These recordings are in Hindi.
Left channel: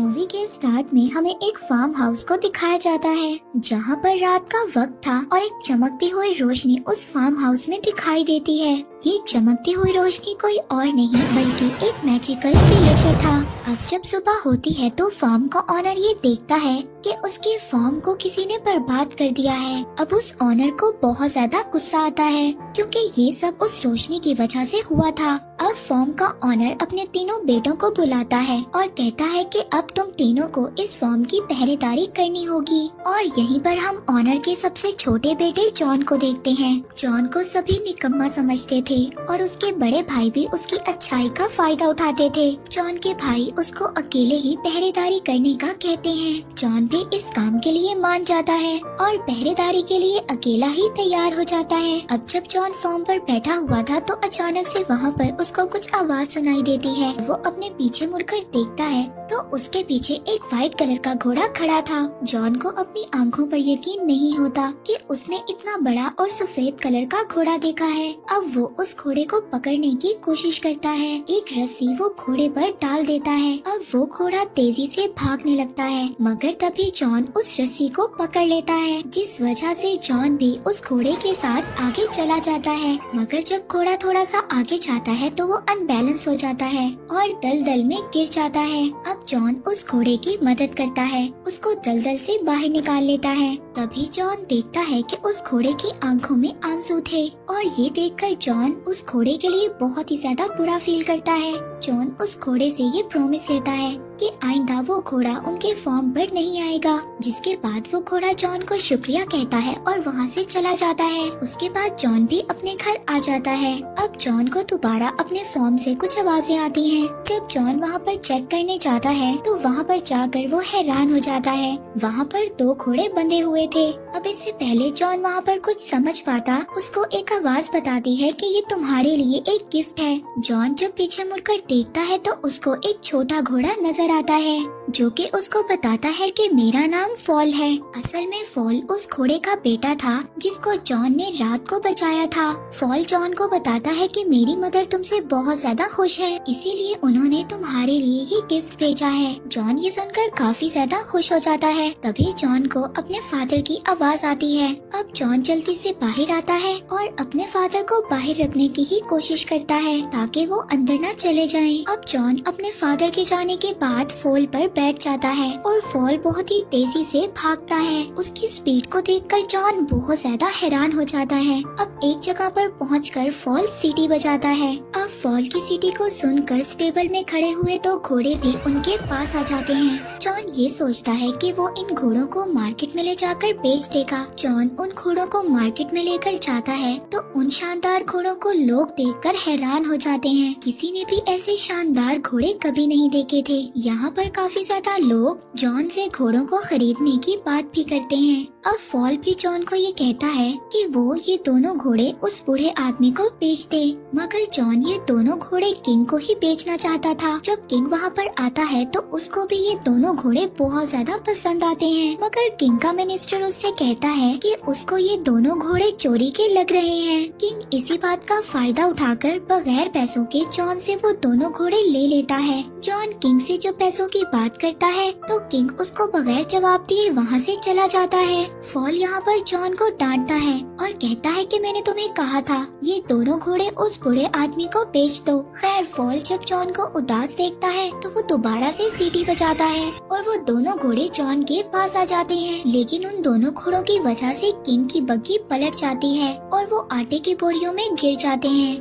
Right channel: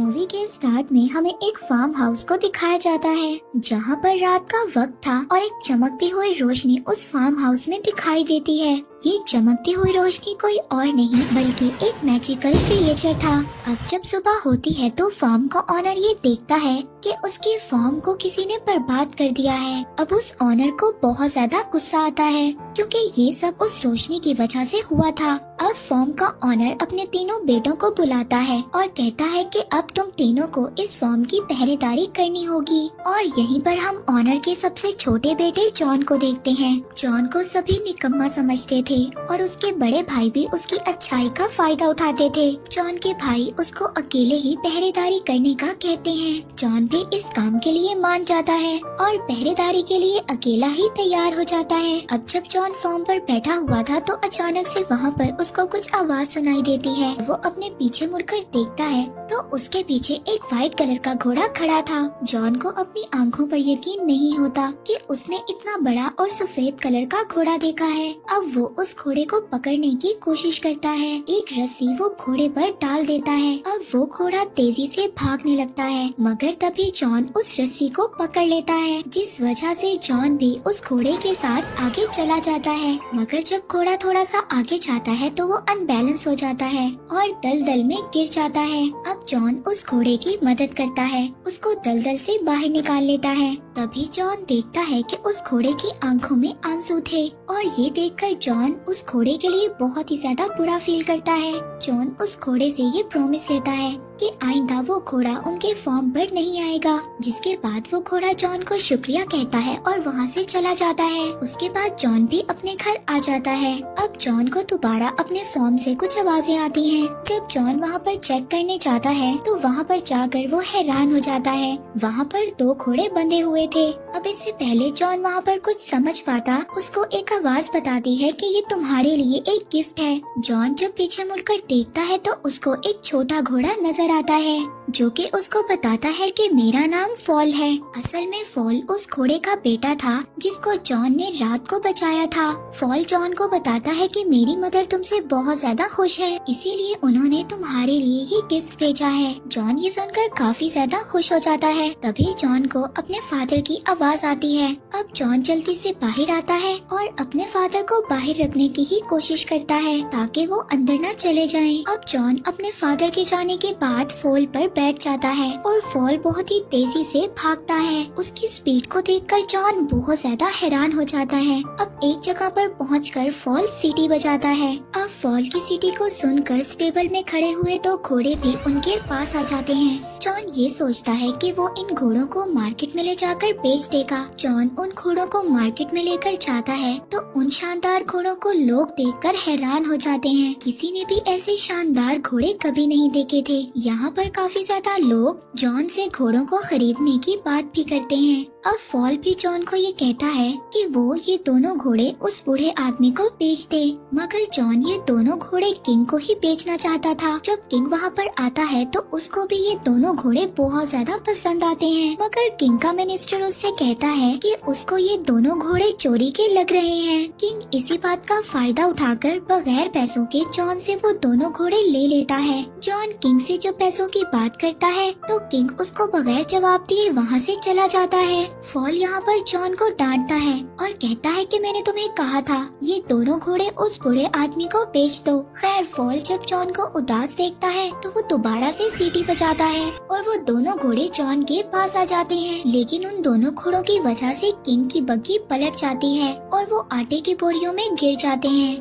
मूवी के स्टार्ट में हमें एक फार्म हाउस को दिखाया जाता है जहाँ पर रात का वक्त था और एक चमकती हुई रोशनी उस फार्म हाउस में दिखाई देती है। ये चमकती हुई रोशनी कोई और नहीं बल्कि एक मैजिकल क्रिएचर था। अब जब सुबह होती है तो फार्म का ऑनर ये देखता है कि उसके फार्म को किसी ने बर्बाद कर दिया है। अब उस ऑनर को बहुत ज्यादा गुस्सा आता है क्योंकि ये सब उस रोशनी की वजह से हुआ था। अब फार्म का ऑनर अपने तीनों बेटों को बुलाता है और कहता है कि अब तुम तीनों को इस फार्म की पहरेदारी करनी होगी। और यहीं पर हम ऑनर के सबसे छोटे बेटे जॉन को देखते हैं। जॉन को सभी निकम्मा समझते थे और उसके बड़े भाई भी उसकी अच्छाई का फायदा उठाते थे। जॉन के भाई उसको अकेले ही पहरेदारी करने का कहते हैं। जॉन भी इस काम के लिए मान जाता है और पहरेदारी के लिए अकेला ही तैयार हो जाता है। अब जब जॉन फार्म पर बैठा हुआ था तो अचानक से वहाँ पर उसको कुछ आवाज सुनाई देती है। वो अपने पीछे मुड़कर देखता है तो उसके पीछे एक व्हाइट कलर का घोड़ा खड़ा था। जॉन को अपनी आंखों पर यकीन नहीं होता कि उसने इतना बड़ा और सफेद कलर का घोड़ा देखा है। अब वो उस घोड़े को पकड़ने की कोशिश करता है। एक रस्सी वो घोड़े पर डाल देता है। अब वो घोड़ा तेजी से भागने लगता है मगर तभी जॉन उस रस्सी को पकड़ लेता है, जिस वजह से जॉन भी उस घोड़े के साथ आगे चला जाता है। मगर जब घोड़ा थोड़ा सा आगे जाता है तो वो अनबैलेंस हो जाता है और दलदल में गिर जाता है। अब जॉन उस घोड़े की मदद करता है, उसको दलदल से बाहर निकाल लेता है। तभी जॉन देखता है कि उस घोड़े की आंखों में आंसू थे और ये देखकर जॉन उस घोड़े के लिए बहुत ही ज्यादा बुरा फील करता है। जॉन उस घोड़े से ये प्रॉमिस लेता है कि आइंदा वो घोड़ा उनके फार्म पर नहीं आएगा। जिसके बाद वो घोड़ा जॉन को शुक्रिया कहता है और वहाँ से चला जाता है। उसके बाद जॉन भी अपने घर आ जाता है। अब जॉन को दोबारा अपने फार्म से कुछ आवाजें आती हैं। जब जॉन वहाँ पर चेक करने जाता है तो वहाँ पर जाकर वो हैरान हो जाता है। वहाँ पर 2 घोड़े बंधे हुए थे। अब इससे पहले जॉन वहाँ पर कुछ समझ पाता, उसको एक आवाज बताती है कि ये तुम्हारे लिए एक गिफ्ट है। जॉन जब पीछे मुड़कर देखता है तो उसको एक छोटा घोड़ा नजर आता है जो कि उसको बताता है कि मेरा नाम फॉल है। असल में फॉल उस घोड़े का बेटा था जिसको जॉन ने रात को बचाया था। फॉल जॉन को बताता है कि मेरी मदर तुमसे बहुत ज्यादा खुश है, इसीलिए उन्होंने तुम्हारे लिए ये गिफ्ट भेजा है। जॉन ये सुनकर काफी ज्यादा खुश हो जाता है। तभी जॉन को अपने फादर की आवाज आती है। अब जॉन जल्दी से बाहर आता है और अपने फादर को बाहर रखने की ही कोशिश करता है ताकि वो अंदर न चले जाएं। अब जॉन अपने फादर के जाने के बाद फॉल पर बैठ जाता है और फॉल बहुत ही तेजी से भागता है। उसकी स्पीड को देखकर जॉन बहुत ज्यादा हैरान हो जाता है। अब एक जगह पर पहुंचकर फॉल सीटी बजाता है। अब फॉल की सीटी को सुनकर स्टेबल में खड़े हुए 2 घोड़े भी उनके पास आ जाते हैं। जॉन ये सोचता है कि वो इन घोड़ों को मार्केट में ले जाकर बेच देगा। जॉन उन घोड़ों को मार्केट में लेकर जाता है तो उन शानदार घोड़ों को लोग देखकर हैरान हो जाते हैं। किसी ने भी ऐसे शानदार घोड़े कभी नहीं देखे थे। यहाँ पर काफी ज्यादा लोग जॉन से घोड़ों को खरीदने की बात भी करते हैं। अब फॉल भी जॉन को ये कहता है कि वो ये दोनों घोड़े उस बूढ़े आदमी को बेच दे। मगर जॉन ये दोनों घोड़े किंग को ही बेचना चाहता था। जब किंग वहाँ पर आता है तो उसको भी ये दोनों घोड़े बहुत ज्यादा पसंद आते हैं। मगर किंग का मिनिस्टर उससे कहता है कि उसको ये दोनों घोड़े चोरी के लग रहे हैं। किंग इसी बात का फायदा उठाकर बगैर पैसों के जॉन से वो दोनों घोड़े ले लेता है। जॉन किंग से जब पैसों की बात करता है तो किंग उसको बगैर जवाब दिए वहाँ से चला जाता है। फॉल यहाँ पर जॉन को डांटता है और कहता है कि मैंने तुम्हें कहा था ये दोनों घोड़े उस बूढ़े आदमी को बेच दो। खैर फॉल जब जॉन को उदास देखता है तो वो दोबारा से सीटी बजाता है और वो दोनों घोड़े जॉन के पास आ जाते हैं। लेकिन उन दोनों घोड़ों की वजह से किंग की बग्गी पलट जाती है और वो आटे की बोरियों में गिर जाते हैं।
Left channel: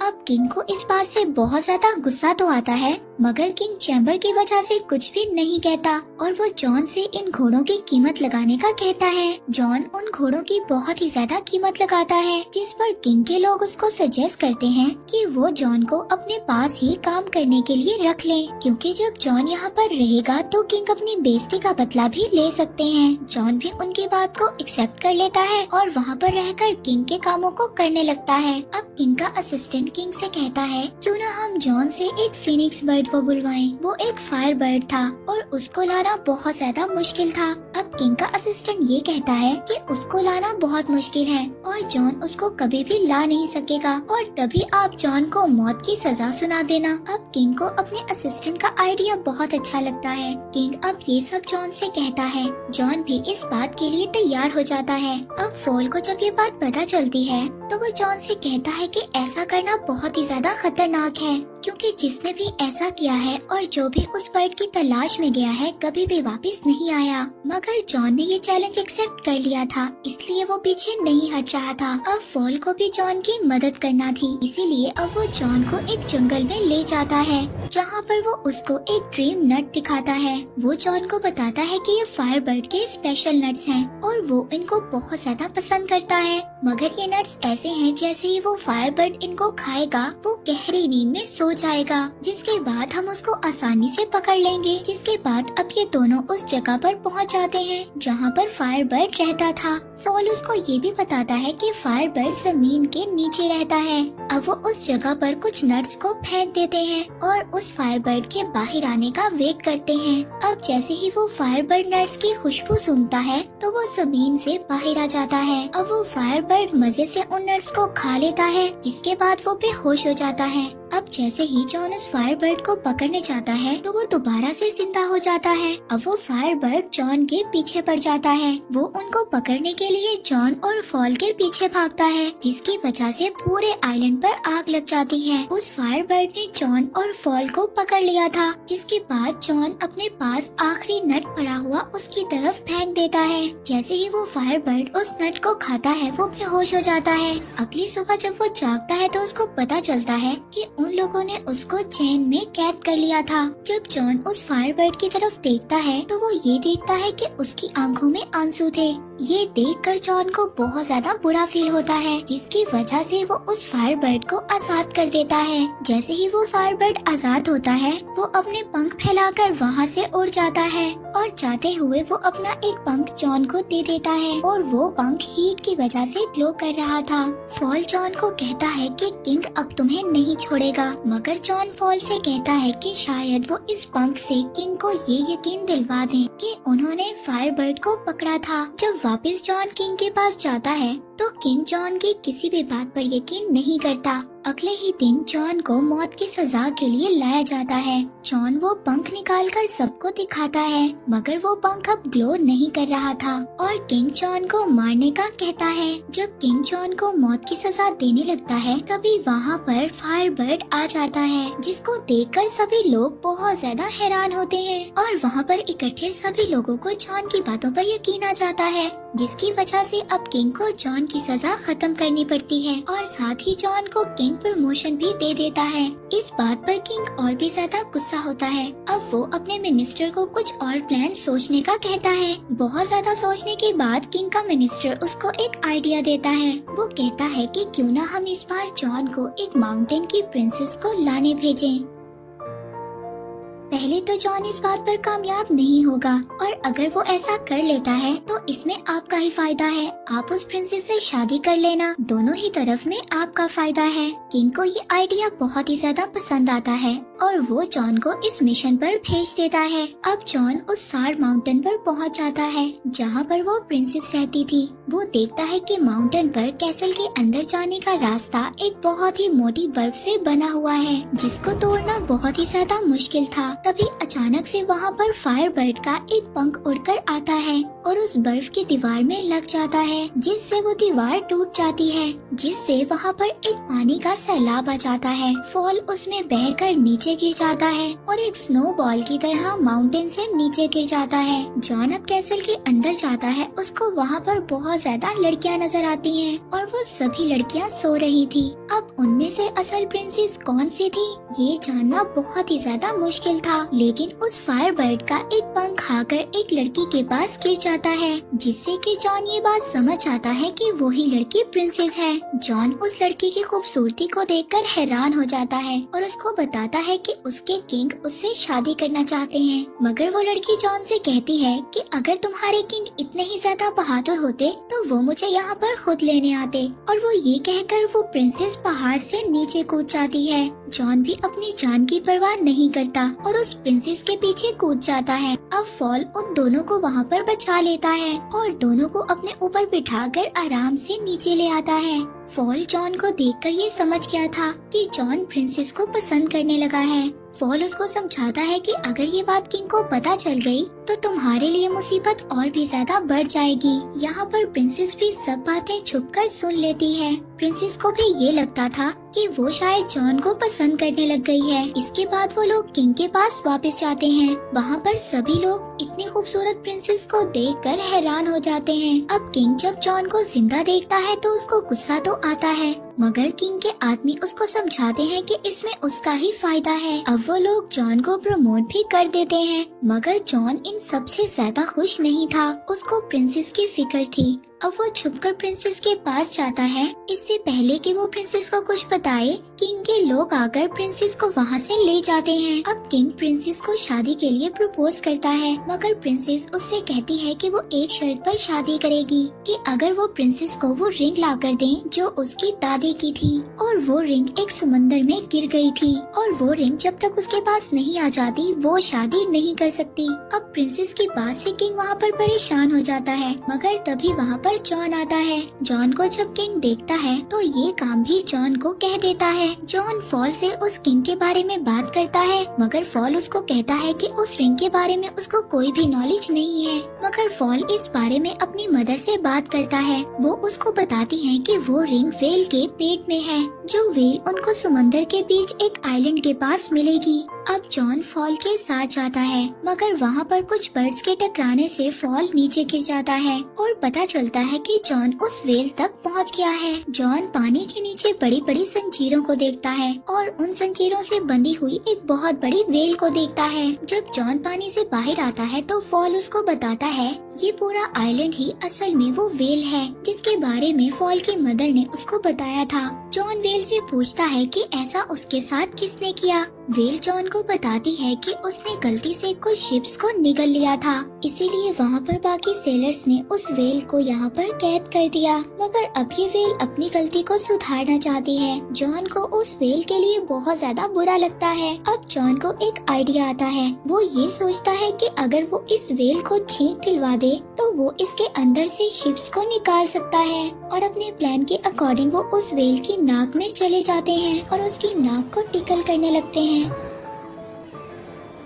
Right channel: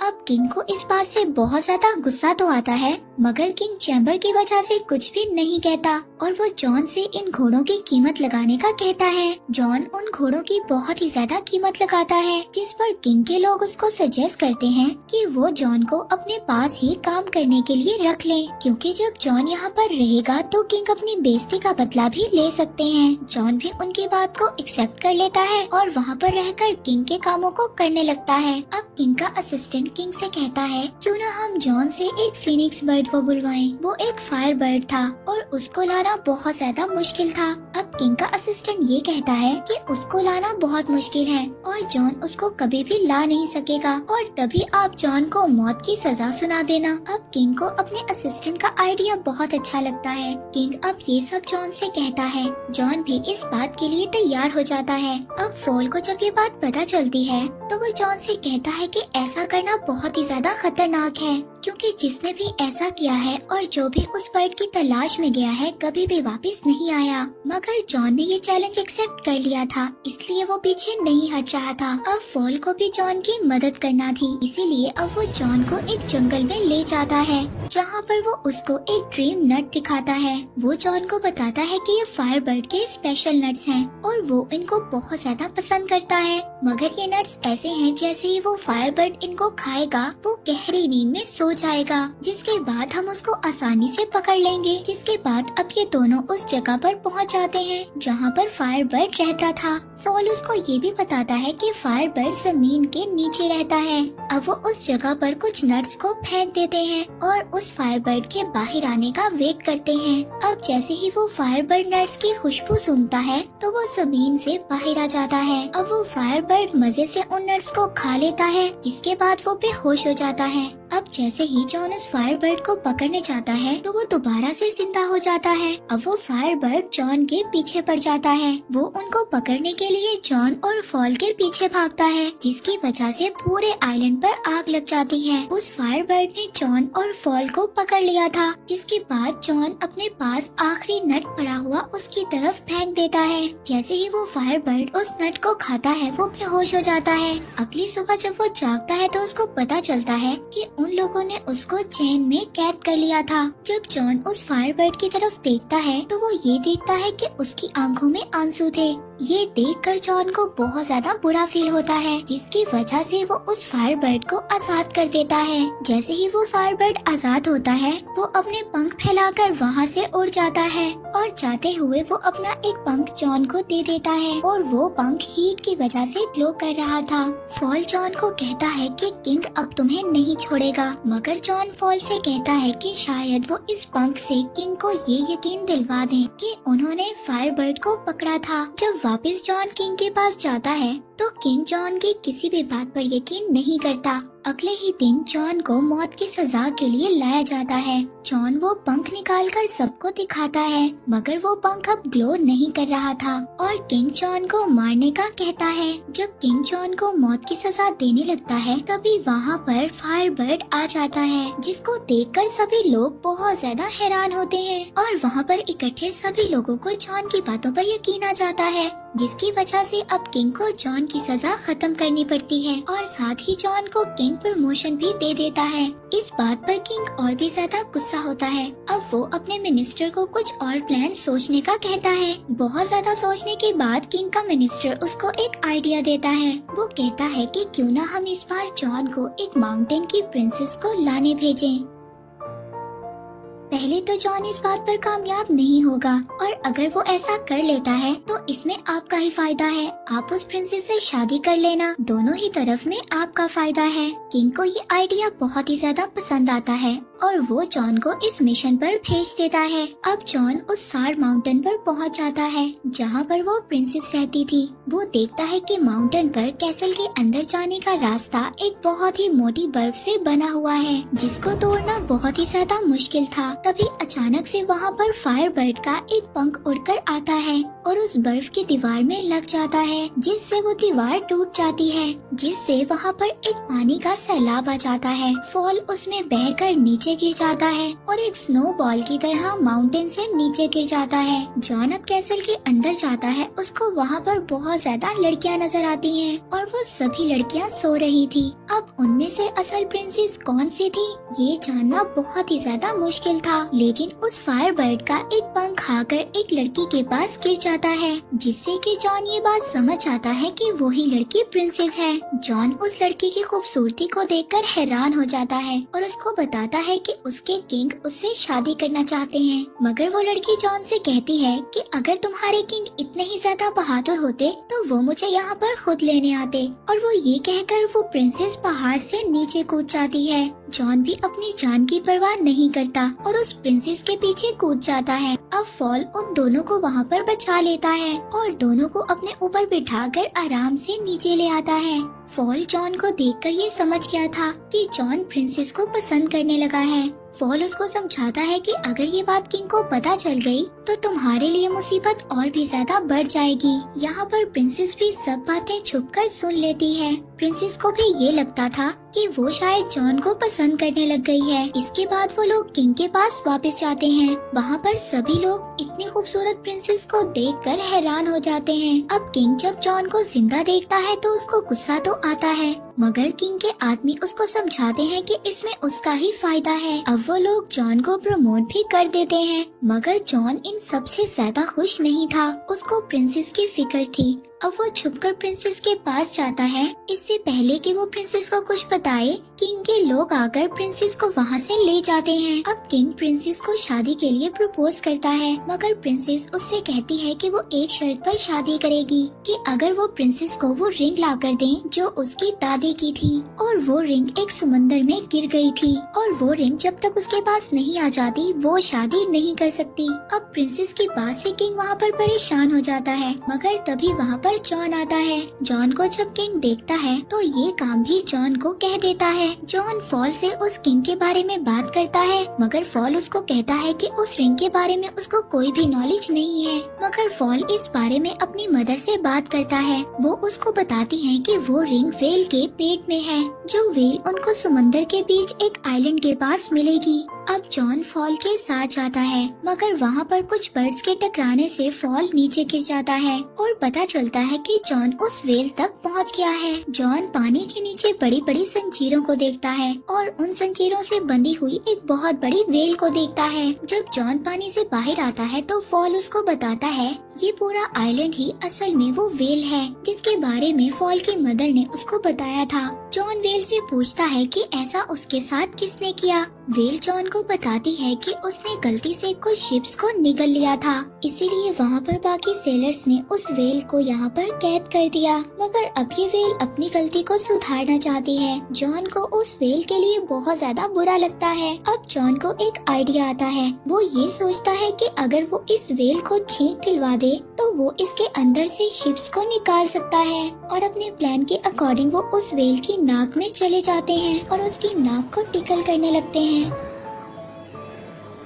अब किंग को इस बात से बहुत ज्यादा गुस्सा तो आता है मगर किंग चैम्बर की वजह से कुछ भी नहीं कहता और वो जॉन से इन घोड़ों की कीमत लगाने का कहता है। जॉन उन घोड़ों की बहुत ही ज्यादा कीमत लगाता है जिस पर किंग के लोग उसको सजेस्ट करते हैं कि वो जॉन को अपने पास ही काम करने के लिए रख ले, क्योंकि जब जॉन यहाँ पर रहेगा तो किंग अपनी बेइज्जती का बदला भी ले सकते हैं। जॉन भी उनकी बात को एक्सेप्ट कर लेता है और वहाँ पर रहकर किंग के कामों को करने लगता है। अब किंग का असिस्टेंट किंग से कहता है क्यों न हम जॉन से एक फिनिक्स बर्ड को बुलवाएं। वो एक फायर बर्ड था और उसको लाना बहुत ज्यादा मुश्किल था। अब किंग का असिस्टेंट ये कहता है कि उसको लाना बहुत मुश्किल है और जॉन उसको कभी भी ला नहीं सकेगा और तभी आप जॉन को मौत की सजा सुना देना। अब किंग को अपने असिस्टेंट का आइडिया बहुत अच्छा लगता है। किंग अब ये सब जॉन से कहता है। जॉन भी इस बात के लिए तैयार हो जाता है। अब फॉल को जब ये बात पता चलती है तो वो जॉन से कहता है कि ऐसा करना बहुत ही ज्यादा खतरनाक है, क्योंकि जिसने भी ऐसा किया है और जो भी उस बर्ड की तलाश में गया है कभी भी वापस नहीं आया। मगर जॉन ने ये चैलेंज एक्सेप्ट कर लिया था, इसलिए वो पीछे नहीं हट रहा था। अब फॉल को भी जॉन की मदद करना थी, इसीलिए अब वो जॉन को एक जंगल में ले जाता है, जहाँ पर वो उसको एक ड्रीम नट दिखाता है। वो जॉन को बताता है कि ये फायर बर्ड के स्पेशल नट्स हैं और वो इनको बहुत ज्यादा पसंद करता है। मगर ये नट्स ऐसे हैं जैसे ही वो फायर बर्ड इनको खाएगा वो गहरी नींद में सो जाएगा, जिसके बाद हम उसको आसानी से पकड़ लेंगे। जिसके बाद अब ये दोनों उस जगह पर पहुंच जाते हैं जहाँ पर फायर बर्ड रहता था। फॉल उसको ये भी बताता है कि फायर बर्ड जमीन के नीचे रहता है। अब वो उस जगह पर कुछ नट्स को फेंक देते हैं और उस फायर बर्ड के बाहर आने का वेट करते हैं। अब जैसे ही वो फायर बर्ड नट्स की खुशबू सूंघता है तो वो जमीन से बाहर आ जाता है। अब वो फायर बर्ड मजे से उन नट्स को खा लेता है, जिसके बाद वो बेहोश हो जाता है। अब जैसे ही जॉन उस फायर बर्ड को पकड़ने जाता है तो वो दोबारा से जिंदा हो जाता है। अब वो फायर बर्ड जॉन के पीछे पड़ जाता है। वो उनको पकड़ने के लिए जॉन और फॉल के पीछे भागता है, जिसकी वजह से पूरे आइलैंड पर आग लग जाती है। उस फायर बर्ड ने जॉन और फॉल को पकड़ लिया था, जिसके बाद जॉन अपने पास आखिरी नट पड़ा हुआ उसकी तरफ फेंक देता है। जैसे ही वो फायर बर्ड उस नट को खाता है वो बेहोश हो जाता है। अगली सुबह जब वो जागता है तो उसको पता चलता है कि उन लोगों ने उसको चेन में कैद कर लिया था। जब जॉन उस फायर बर्ड की तरफ देखता है तो वो ये देखता है कि उसकी आंखों में आंसू थे। ये देखकर जॉन को बहुत ज्यादा बुरा फील होता है, जिसकी वजह से वो उस फायर बर्ड को आजाद कर देता है। जैसे ही वो फायर बर्ड आजाद होता है वो अपने पंख फैलाकर वहाँ से उड़ जाता है और जाते हुए वो अपना एक पंख जॉन को दे देता है और वो पंख हीट की वजह से ग्लो कर रहा था। फॉल जॉन को कहता है कि किंग अब तुम्हें नहीं छोड़ेगा, मगर जॉन फॉल से कहता है कि शायद वो इस पंख से किंग को ये यकीन दिलवा दे कि उन्होंने फायर बर्ड को पकड़ा था। जब वापस जॉन किंग के पास जाता है तो किंग जॉन की किसी भी बात पर यकीन नहीं करता। अगले ही दिन जॉन को मौत की सजा के लिए लाया जाता है। जॉन वो पंख निकालकर सबको दिखाता है, मगर वो पंख अब ग्लो नहीं कर रहा था और किंग जॉन को मारने का कहता है। जब किंग जॉन को मौत की सजा देने लगता है तभी वहाँ पर फायर बर्ड आ जाता है, जिसको देखकर सभी लोग बहुत ज्यादा हैरान होते हैं और वहाँ पर इकट्ठे सभी लोगों को जॉन की बातों पर यकीन आ जाता है, जिसकी वजह से अब किंग को जॉन की सजा खत्म करनी पड़ती है और साथ ही जॉन को किंग प्रमोशन भी दे देता है। इस बात पर किंग और भी ज्यादा गुस्सा होता है। अब वो अपने मिनिस्टर को कुछ और प्लान सोचने का कहता है। बहुत ज्यादा सोचने के बाद किंग का मिनिस्टर उसको एक आइडिया देता है। वो कहता है कि क्यों ना हम इस बार जॉन को एक माउंटेन की प्रिंसेस को लाने भेजें। पहले तो जॉन इस बात पर कामयाब नहीं होगा और अगर वो ऐसा कर लेता है तो इसमें आपका ही फायदा है। आप उस प्रिंसेस से शादी कर लेना, दोनों ही तरफ में आपका फायदा है। किंग को ये आइडिया बहुत ही ज्यादा पसंद आता है और वो जॉन को इस मिशन पर भेज देता है। अब जॉन उस सार माउंटेन पर पहुंच जाता है जहां पर वो प्रिंसेस रहती थी। वो देखता है कि माउंटेन पर कैसल के अंदर जाने का रास्ता एक बहुत ही मोटी बर्फ से बना हुआ है, जिसको तोड़ना बहुत ही ज्यादा मुश्किल था। तभी अचानक से वहाँ पर फायर बर्ड का एक पंख उड़कर आता है और उस बर्फ की दीवार में लग जाता है, जिससे वो दीवार टूट जाती है, जिससे वहाँ पर एक पानी का सैलाब आ जाता है। फॉल उसमें बहकर नीचे गिर जाता है और एक स्नो बॉल की तरह माउंटेन से नीचे गिर जाता है। जॉन अब कैसल के अंदर जाता है। उसको वहाँ पर बहुत ज्यादा लड़कियाँ नजर आती हैं और वो सभी लड़कियाँ सो रही थी। अब उनमें से असल प्रिंसेस कौन सी थी ये जानना बहुत ही ज्यादा मुश्किल था, लेकिन उस फायर बर्ड का एक पंख खाकर एक लड़की के पास गिर जाता है, जिससे कि जॉन ये बात समझ आता है कि वही लड़की प्रिंसेस है। जॉन उस लड़की की खूबसूरती को देखकर हैरान हो जाता है और उसको बताता है कि उसके किंग उससे शादी करना चाहते हैं। मगर वो लड़की जॉन से कहती है कि अगर तुम्हारे किंग इतने ही ज्यादा बहादुर होते तो वो मुझे यहाँ पर खुद लेने आते, और वो ये कहकर वो प्रिंसेस पहाड़ से नीचे कूद जाती है। जॉन भी अपनी जान की परवाह नहीं करता और उस प्रिंसेस के पीछे कूद जाता है। अब अब फॉल उन दोनों को वहाँ पर बचा लेता है और दोनों को अपने ऊपर बिठाकर आराम से नीचे ले आता है। फॉल जॉन को देखकर ये समझ गया था कि जॉन प्रिंसेस को पसंद करने लगा है। फॉल उसको समझाता है कि अगर ये बात किंग को पता चल गई तो तुम्हारे लिए मुसीबत और भी ज्यादा बढ़ जाएगी। यहाँ पर प्रिंसेस भी सब बातें छुपकर सुन लेती है। प्रिंसेस को भी ये लगता था कि वो शायद जॉन को पसंद करने लग गई है। इसके बाद वो लोग किंग के पास वापस जाते हैं। वहाँ पर सभी लोग इतनी खूबसूरत प्रिंसेस को देखकर हैरान हो जाते हैं। अब किंग जब जॉन को जिंदा देखता है तो उसको गुस्सा तो आता है, मगर किंग के आदमी उसको समझाते हैं कि इसमें उसका ही फायदा है। अब वो लोग जॉन को प्रमोट भी कर देते हैं, मगर जॉन इन सबसे ज्यादा खुश नहीं था। उसको प्रिंसेस की फिक्र थी। अब वो छुपकर प्रिंसेस के पास जाता है। इससे पहले कि वो प्रिंसेस को कुछ बताए, किंग के लोग आकर प्रिंसेस को वहाँ से ले जाते हैं। अब किंग प्रिंसेस को शादी के लिए प्रपोज करता है, मगर प्रिंसेस उससे कहती है कि वो एक शर्त पर शादी करेगी कि अगर वो प्रिंसेस को वो रिंग ला कर दे जो उसकी दादी की थी, और वो रिंग एक समंदर में गिर गई थी, और वो रिंग जब तक उसके पास नहीं आ जाती वो शादी नहीं कर सकती। अब प्रिंसेस की बात से किंग वहाँ पर परेशान हो जाता है, मगर तभी वहाँ पर जॉन आता है। जॉन को जब किंग देखता है तो ये काम भी जॉन को कह देता है। जॉन फॉल से उस किंग के बारे में बात करता है, मगर फॉल उसको कहता है कि उस रिंग के बारे में उसको कोई भी नॉलेज नहीं है। मगर फॉल इस बारे में अपनी मदर से बात करता है। वो उसको बताती है कि वो रिंग वेल के पेट में है, जो वेल उनको समंदर के बीच एक आइलैंड के पास मिलेगी। अब जॉन फॉल के साथ जाता है, मगर वहाँ पर कुछ बर्ड्स के टकराने से फॉल नीचे गिर जाता है और पता चलता है कि जॉन उस वेल तक पहुँच गया है। जॉन पानी के नीचे बड़ी बड़ी जंजीरों को देखता है और उन जंजीरों से बंधी हुई एक बहुत बड़ी वेल को देखता है। जब जॉन पानी से बाहर आता है तो फॉल उसको बताता है ये पूरा आइलैंड ही असल में वो वेल है, जिसके बारे में फॉल की मदर ने उसको बताया था। जॉन वेल से पूछता है कि ऐसा उसके साथ किसने किया। वेल जॉन को बताती है कि उसने गलती से कुछ शिप्स को निगल लिया था, इसीलिए वहाँ पर बाकी सेलर्स ने उस वेल को यहाँ पर कैद कर दिया। मगर अब ये वेल अपनी गलती को सुधारना चाहती है। जॉन को उस वेल के लिए बहुत ज्यादा बुरा लगता है। अब जॉन को एक आइडिया आता है। वो ये सोचता है कि अगर वो इस वेल को छींक दिलवा दे तो वो इसके अंदर से शिप्स को निकाल सकता है, और अपने प्लान के अकॉर्डिंग वो उस वेल की नाक में चले जाते हैं और उसकी नाक को टिकल करने लगते हैं।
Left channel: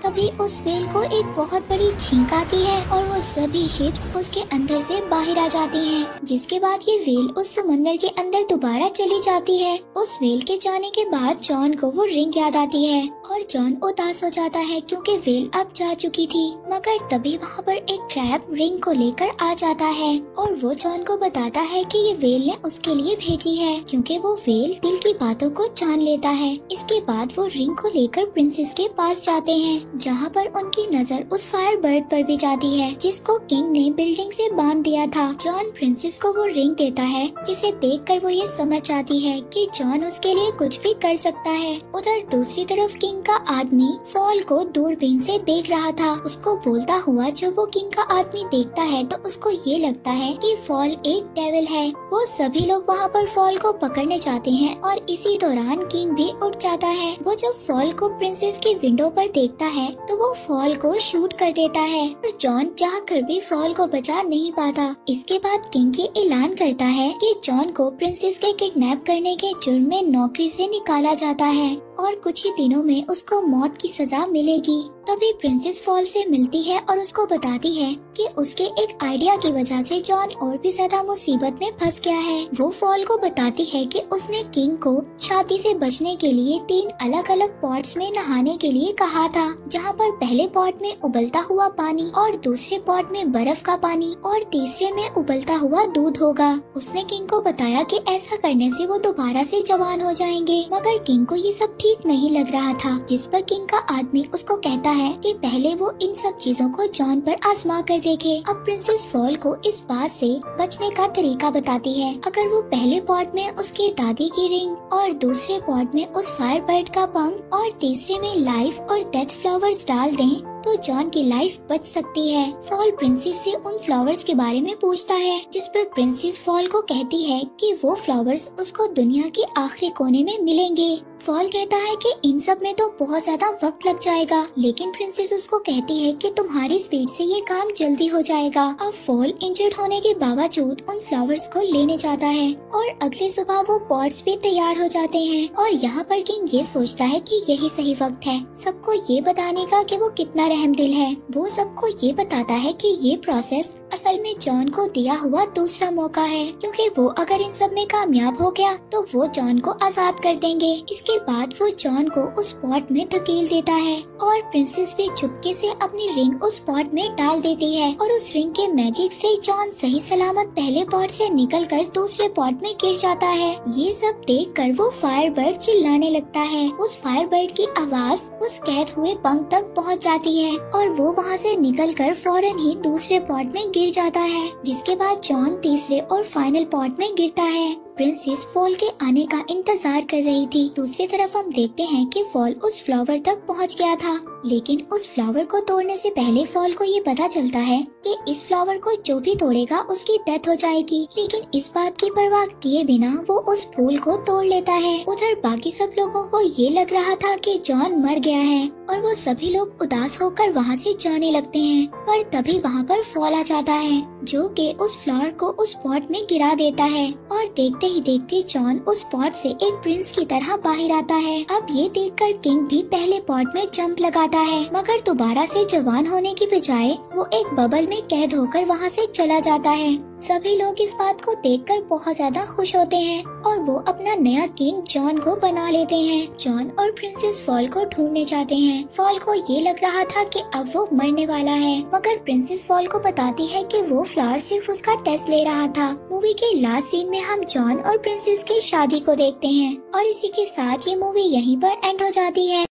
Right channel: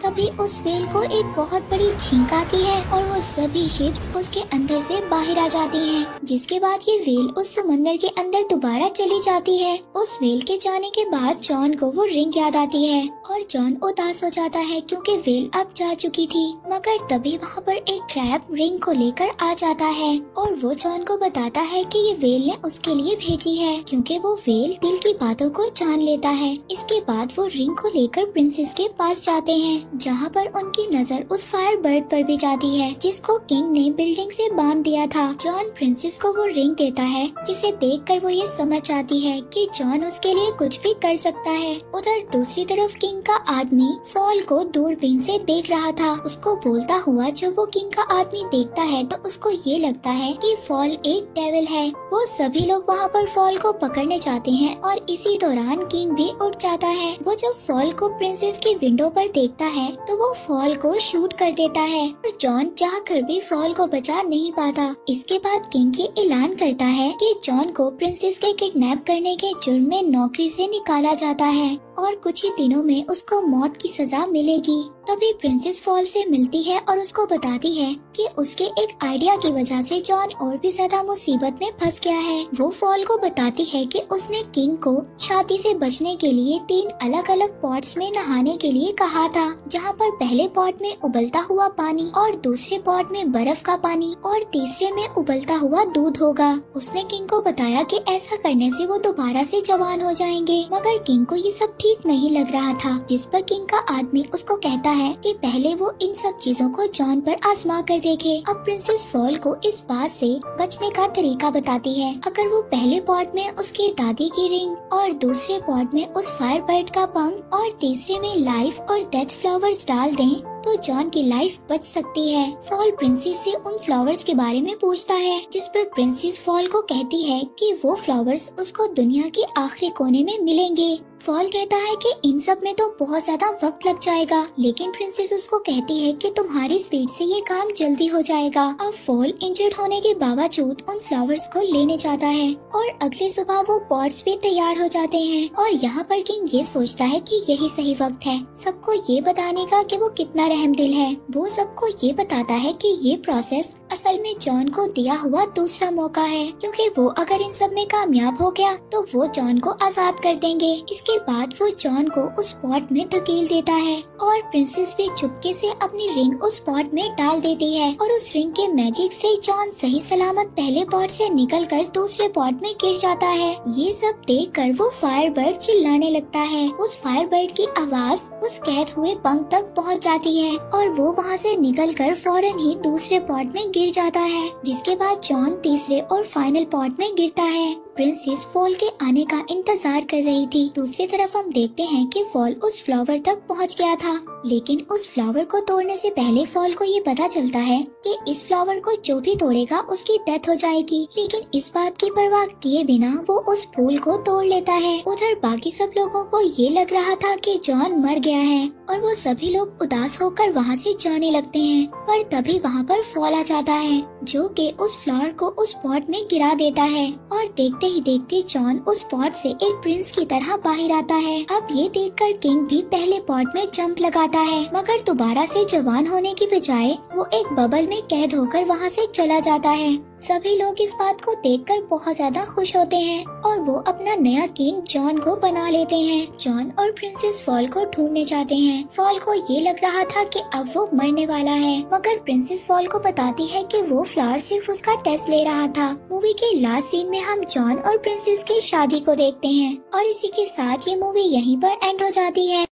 तभी उस वेल को एक बहुत बड़ी छींक आती है और वो सभी शिप्स उसके अंदर से बाहर आ जाती हैं, जिसके बाद ये वेल उस समंदर के अंदर दोबारा चली जाती है। उस वेल के जाने के बाद जॉन को वो रिंग याद आती है और जॉन उदास हो जाता है क्योंकि वेल अब जा चुकी थी। मगर तभी वहाँ पर एक क्रैब रिंग को लेकर आ जाता है और वो जॉन को बताता है कि ये वेल ने उसके लिए भेजी है, क्योंकि वो वेल दिल की बातों को जान लेता है। इसके बाद वो रिंग को लेकर प्रिंसेस के पास जाते हैं, जहाँ पर उनकी नजर उस फायर बर्ड पर भी जाती है जिसको किंग ने बिल्डिंग से बांध दिया था। जॉन प्रिंसेस को वो रिंग देता है, जिसे देखकर वो ये समझ जाती है कि जॉन उसके लिए कुछ भी कर सकता है। उधर दूसरी तरफ किंग का आदमी फॉल को दूरबीन से देख रहा था। उसको बोलता हुआ जब वो किंग का आदमी देखता है तो उसको ये लगता है कि फॉल एक डेविल है। वो सभी लोग वहाँ पर फॉल को पकड़ने जाते हैं और इसी दौरान किंग भी उठ जाता है। वो जब फॉल को प्रिंसेस की विंडो पर देखता है तो वो फॉल को शूट कर देता है, पर जॉन चाहकर भी फॉल को बचा नहीं पाता। इसके बाद किंग ये ऐलान करता है कि जॉन को प्रिंसेस के किडनैप करने के जुर्म में नौकरी से निकाला जाता है और कुछ ही दिनों में उसको मौत की सजा मिलेगी। तभी प्रिंसेस फॉल से मिलती है और उसको बताती है कि उसके एक आइडिया की वजह से जॉन और भी ज्यादा मुसीबत में फंस गया है। वो फॉल को बताती है कि उसने किंग को शादी से बचने के लिए 3 अलग अलग पॉट्स में नहाने के लिए कहा था, जहाँ पर पहले पॉट में उबलता हुआ पानी और दूसरे पॉट में बर्फ का पानी और तीसरे में उबलता हुआ दूध होगा। उसने किंग को बताया कि ऐसा करने से वो दोबारा से जवान हो जाएंगे, मगर किंग को ये सब ठीक नहीं लग रहा था, जिस पर किंग का आदमी उसको कहता है कि पहले वो इन सब चीजों को जॉन पर आजमा कर देखे। अब प्रिंसेस फॉल को इस बात से बचने का तरीका बताती है। अगर वो पहले पॉट में उसकी दादी की रिंग और दूसरे पॉट में उस फायर बर्ड का पंख और तीसरे में लाइफ और डेथ फ्लावर्स डाल दें तो जॉन की लाइफ बच सकती है। फॉल प्रिंसेस से उन फ्लावर्स के बारे में पूछता है, जिस पर प्रिंसेस फॉल को कहती है कि वो फ्लावर्स उसको दुनिया के आखिरी कोने में मिलेंगे। फॉल कहता है कि इन सब में तो बहुत ज्यादा वक्त लग जाएगा, लेकिन प्रिंसेस उसको कहती है कि तुम्हारी स्पीड से ये काम जल्दी हो जाएगा। अब फॉल इंजर्ड होने के बावजूद उन फ्लावर्स को लेने जाता है और अगली सुबह वो पॉट्स भी तैयार हो जाते हैं और यहाँ पर किंग ये सोचता है कि यही सही वक्त है सबको ये बताने का कि वो कितना रहमदिल है। वो सबको ये बताता है कि ये प्रोसेस असल में जॉन को दिया हुआ दूसरा मौका है, क्योंकि वो अगर इन सब में कामयाब हो गया तो वो जॉन को आजाद कर देंगे। इसके बाद वो जॉन को उस पॉट में धकेल देता है और प्रिंसेस भी चुपके से अपनी रिंग उस पॉट में डाल देती है और उस रिंग के मैजिक से जॉन सही सलामत पहले पॉट से निकलकर दूसरे पॉट में गिर जाता है। ये सब देखकर वो फायरबर्ड चिल्लाने लगता है। उस फायरबर्ड की आवाज उस कैद हुए पंख तक पहुंच जाती है और वो वहां से निकलकर फौरन ही दूसरे पॉट में गिर जाता है, जिसके बाद जॉन तीसरे और फाइनल पॉट में गिरता है। प्रिंसेस फॉल के आने का इंतजार कर रही थी। दूसरी तरफ हम देखते हैं कि फॉल उस फ्लावर तक पहुंच गया था, लेकिन उस फ्लावर को तोड़ने से पहले फॉल को ये पता चलता है कि इस फ्लावर को जो भी तोड़ेगा उसकी डेथ हो जाएगी। लेकिन इस बात की परवाह किए बिना वो उस फूल को तोड़ लेता है। उधर बाकी सब लोगों को ये लग रहा था कि जॉन मर गया है और वो सभी लोग उदास होकर वहाँ से जाने लगते हैं, पर तभी वहाँ पर फॉल आ जाता है जो कि उस फ्लावर को उस पॉट में गिरा देता है और देखते ही देखते जॉन उस पॉट से एक प्रिंस की तरह बाहर आता है। अब ये देखकर किंग भी पहले पॉट में जंप लगाता है, मगर दोबारा से जवान होने की बजाय वो एक बबल में कैद होकर वहाँ से चला जाता है। सभी लोग इस बात को देखकर बहुत ज्यादा खुश होते हैं और वो अपना नया किंग जॉन को बना लेते हैं। जॉन और प्रिंसेस फॉल को ढूंढने जाते हैं। फॉल को ये लग रहा था कि अब वो मरने वाला है, मगर प्रिंसेस फॉल को बताती है कि वो फ्लावर सिर्फ उसका टेस्ट ले रहा था। मूवी के लास्ट सीन में हम जॉन और प्रिंसेस की शादी को देखते हैं और इसी के साथ ये मूवी यहीं पर एंड हो जाती है।